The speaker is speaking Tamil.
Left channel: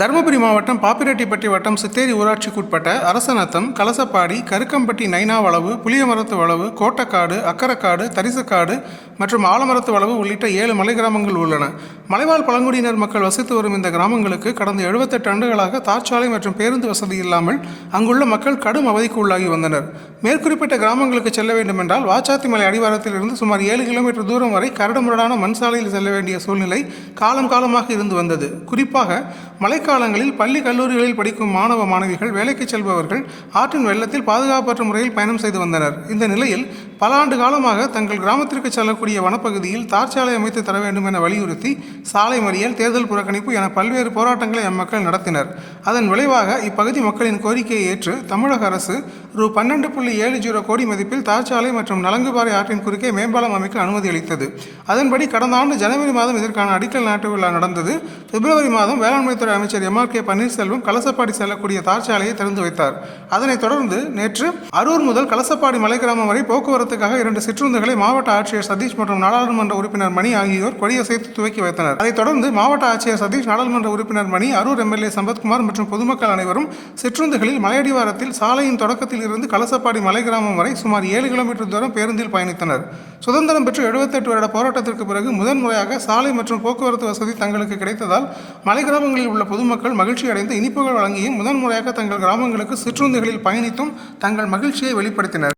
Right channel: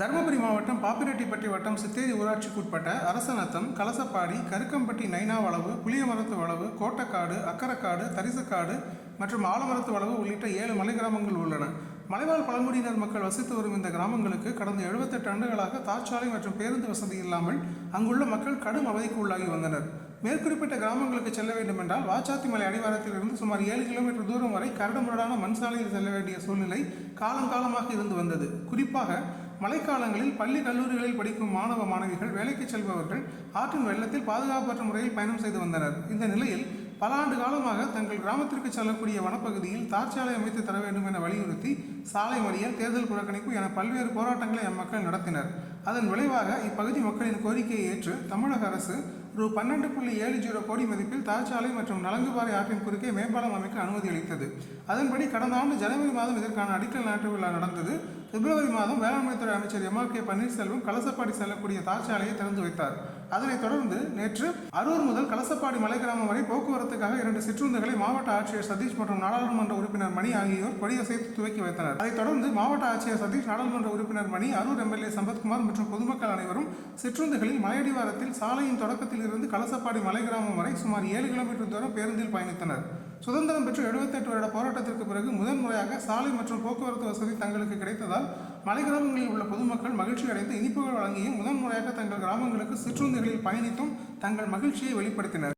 தருமபுரி மாவட்டம் பாப்பிரெட்டிப்பட்டி வட்டம் சித்தேரி ஊராட்சிக்குட்பட்ட அரசநத்தம், கலசப்பாடி, கருக்கம்பட்டி, நைனாவளவு, புளியமரத்து வளவு, கோட்டக்காடு, அக்கரக்காடு, தரிசக்காடு மற்றும் ஆலமரத்து வளவு உள்ளிட்ட 7 மலை கிராமங்கள் உள்ளன. மலைவாழ் பழங்குடியினர் மக்கள் வசித்து வரும் இந்த கிராமங்களுக்கு கடந்த 78 ஆண்டுகளாக தார்ச்சாலை மற்றும் பேருந்து வசதி இல்லாமல் அங்குள்ள மக்கள் கடும் அவதிக்கு உள்ளாகி வந்தனர். மேற்குறிப்பிட்ட கிராமங்களுக்கு செல்ல வேண்டுமென்றால் வாச்சாத்திமலை அடிவாரத்தில் இருந்து சுமார் 7 கிலோமீட்டர் தூரம் வரை கரடுமுரடான மண் சாலையில் செல்ல வேண்டிய சூழ்நிலை காலமாக இருந்து வந்தது. குறிப்பாக மழைக்காலங்களில் பள்ளி கல்லூரிகளில் படிக்கும் மாணவ மாணவிகள், வேலைக்கு செல்பவர்கள் ஆற்றின் வெள்ளத்தில் பாதுகாப்பற்ற முறையில் பயணம் செய்து வந்தனர். இந்த நிலையில் பல ஆண்டு காலமாக தங்கள் கிராமத்திற்கு செல்லக்கூடிய வனப்பகுதியில் தார்ச்சாலை அமைத்து தர வேண்டும் என வலியுறுத்தி சாலை மறியல், தேர்தல் புறக்கணிப்பு என பல்வேறு போராட்டங்களை அம்மக்கள் நடத்தினர். அதன் விளைவாக இப்பகுதி மக்களின் கோரிக்கையை ஏற்று தமிழக அரசு ரூ. 12.70 கோடி மதிப்பில் தார்ச்சாலை மற்றும் நலங்குபாறை ஆற்றின் குறுக்கே மேம்பாலம் அமைக்க அனுமதி அளித்தது. அதன்படி கடந்த ஆண்டு ஜனவரி மாதம் இதற்கான அடிக்கல் நாட்டு விழா நடந்தது. பிப்ரவரி மாதம் வேளாண்மைத்துறை அமைச்சர் M.R.K. பன்னீர்செல்வம் கலசப்பாடி செல்லக்கூடிய தார்ச்சாலையை திறந்து வைத்தார். அதனைத் தொடர்ந்து நேற்று அரூர் முதல் கலசப்பாடி மலை கிராமம் வரை போக்குவரத்துக்காக 2 சிற்றுந்துகளை மாவட்ட ஆட்சியர் சதீஷ் மற்றும் நாடாளுமன்ற உறுப்பினர் மணி ஆகியோர் கொடியசைத்து துவக்கி வைத்தனர். அதைத் தொடர்ந்து மாவட்ட ஆட்சியர் சதீஷ், நாடாளுமன்ற உறுப்பினர் மணி, அரூர் MLA சம்பத்குமார் மற்றும் பொதுமக்கள் அனைவரும் சிற்றுந்துகளில் மலையடிவாரத்தில் சாலையின் தொடக்கத்தில் இருந்து கலசப்பாடி மலை கிராமம் வரை சுமார் 7 கிலோமீட்டர் தூரம் பேருந்தில் பயணித்தனர். சுதந்திரம் பெற்று 78 வருட போராட்டத்திற்கு பிறகு முதன்முறையாக சாலை மற்றும் போக்குவரத்து வசதி தங்களுக்கு கிடைத்ததால் மலை கிராமங்களில் உள்ள பொதுமக்கள் மகிழ்ச்சி அடைந்து இனிப்புகள் வழங்கியும் முதன்முறையாக தங்கள் கிராமங்களுக்கு சிற்றுந்துகளில் பயணித்தும் தங்கள் மகிழ்ச்சியை வெளிப்படுத்தினர்.